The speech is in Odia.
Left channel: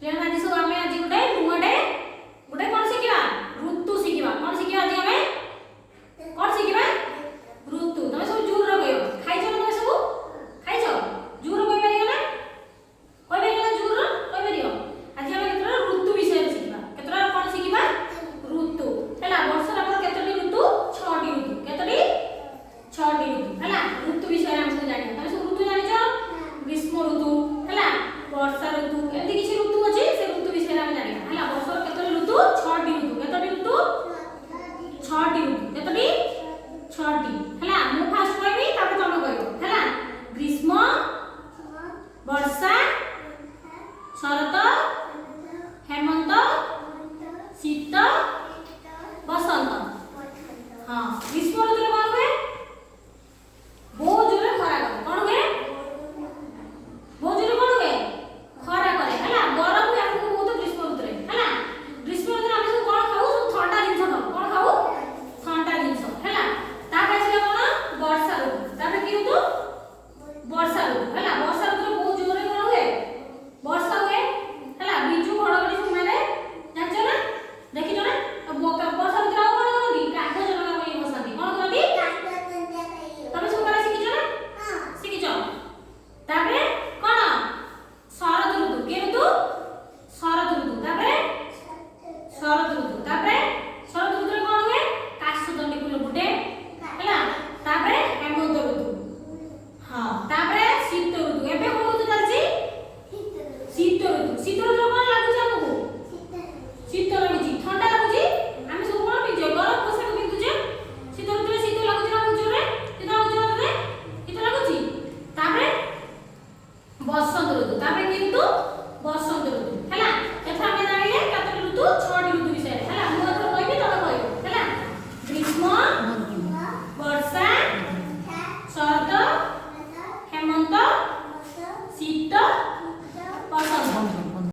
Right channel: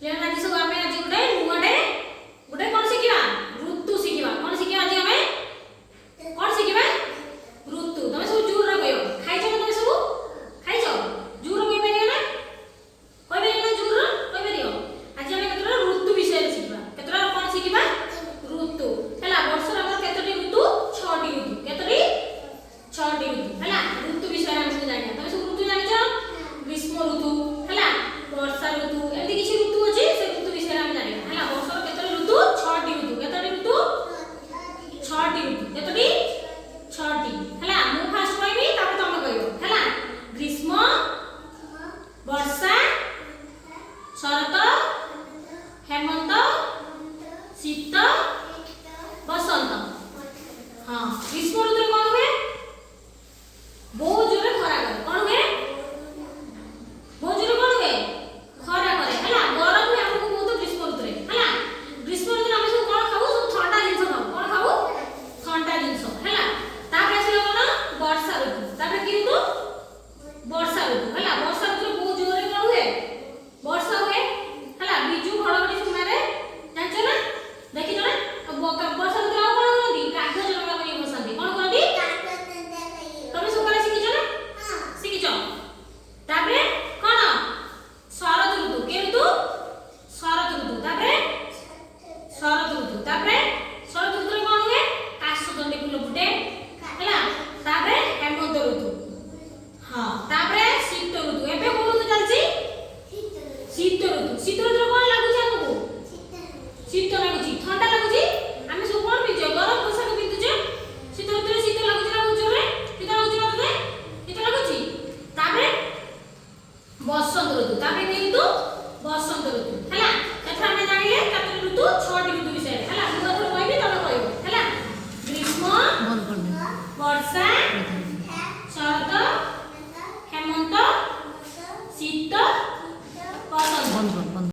ପିଲାମାନେ ଆଜି ସବୁ ଆମେ ଆଜି ଗୋଟେ ନୂଆଟେ ଗୋଟେ କଣ ଶିଖିବା ଋତୁ ଶିଖିବା। କଣ ଶିଖିବା ଆଜି ଆମେ କଣ ଶିଖିବା ଋତୁ। ତମେ ସବୁ ଜୋର କହିବ ଖାଇଛ ନା ତମେ ସବୁ ଖାଇଛ ଜୋର କହିପାରିବ ନା କହିପାରିବ ନା ଜୋର କହିପାରିବ। ଆଜି ଆମେ କେତେଟା ଋତୁ ବିଷୟରେ ଶିଖିବା। କେତେଟା କଣ ଶିଖିବା ଋତୁ ହେଲା। ବର୍ଷର ଆମର କେତୋଟି ଋତୁ 6ଟି ଋତୁ। କେତୋଟି 6ଟି ଋତୁ ହେଲା। ଋତୁ ବିଷୟରେ ଆମେ ସବୁ ଜାଣିବା। ତମେ ସବୁ ଋତୁ ଜାଣିଛ ଗ୍ରୀଷ୍ମ ଋତୁ ହେଲା ବର୍ଷା ଋତୁ ଏମିତି କିଛି ଋତୁ ଅଛି ସେ ଋତୁ ବିଷୟରେ ଆମେ ଜାଣିବା ହେଲା। ବର୍ଷର କେତୋଟି ଋତୁ 6ଟି ଋତୁ। କେତୋଟି ଋତୁ 6ଟି ଋତୁ। କେତୋଟି 6ଟି ହେଲା। ମୁଁ ଫାଷ୍ଟ କହିବି ତାପରେ ତମେ କହିବ ହେଲା। ଗ୍ରୀଷ୍ମ ବର୍ଷା ଶରତ ହେମନ୍ତ ଶୀତ ବସନ୍ତ। ହଁ ଗ୍ରୀଷ୍ମ ଋତୁରେ କଣ ହୁଏ ବହୁତ ଜୋରେ ଖରା କରେ। କଣ ହୁଏ ବହୁତ ଜୋରେ କଣ ହୁଏ ଖରା କରେ ହେଲା। ଗରମ ହୁଏ ଆମକୁ ବହୁତ ଗ୍ରୀଷ୍ମ ଋତୁରେ ହେଲା। ଗ୍ରୀଷ୍ମ ଋତୁରେ ଆମେ ସବୁ କଣ ଖାଉ ସବୁ ଥଣ୍ଡା ଜିନିଷ ଖାଉ। କଣ ଖାଉ ଥଣ୍ଡା ଜିନିଷ ହେଲା। ତାପରେ ଆସିବ କଣ ବର୍ଷା ଋତୁ। ତାପରେ କି ଋତୁ ବର୍ଷା ଋତୁ ହେଲା। ବର୍ଷା ଋତୁରେ ବହୁତ ଜୋରେ କଣ ହୁଏ ବର୍ଷା ହୁଏ ହେଲା। ବିଜୁ ଘଡଘଡି ସମୟରେ ଜାଣିଛ ନା ଦେଖିଛ ନା ବର୍ଷା ଋତୁରେ ଆଉ କଣ କରନ୍ତି କାଗଜ ଡଙ୍ଗା କରି ବସାନ୍ତି। କଣ କରନ୍ତି ତମେ ସବୁ କଣ ଶିଖିଛ ନା ଶିଖିଛ। ତାପରେ କଣ ଶରତ ଋତୁ। କି ଋତୁ ଶରତ ଋତୁ। ତାପରେ ଶରତ ଋତୁ। ତାପରେ ଶରତ ଋତୁରେ କଣ ହୁଏ କାଶତଣ୍ଡି ଫୁଲ ଫୁଟେ ହେଲା। ତାପରେ ହେମନ୍ତ ଋତୁ। ହଁ ତାପରେ ଶୀତ ଋତୁ। ଏବେ କୋଉ ଋତୁ ଚାଲିଛି ଶୀତ ଋତୁ। ଶୀତ ଋତୁରେ କଣ ଲାଗୁଛି ଆମକୁ ଶୀତ ଲାଗୁଛି ଥଣ୍ଡା ଲାଗୁଛି। ଆମେ ସବୁ କଣ ପିନ୍ଧୁଛେ ଗରମ ପୋଷାକ ପିନ୍ଧୁଛେ। ଶୀତ ଋତୁରେ ଶୀତ ଲାଗୁଛି ନା ଜୋରେ ଶୀତ ଲାଗୁଛି ନା ତତେ ଶୀତ ଲାଗୁଛି। ତାପରେ ବସନ୍ତ ଋତୁ। ତାପରେ କି ଋତୁ ବସନ୍ତ ଋତୁ ହେଲା। ଏଥର ଆମେ ଜାଣିଲେ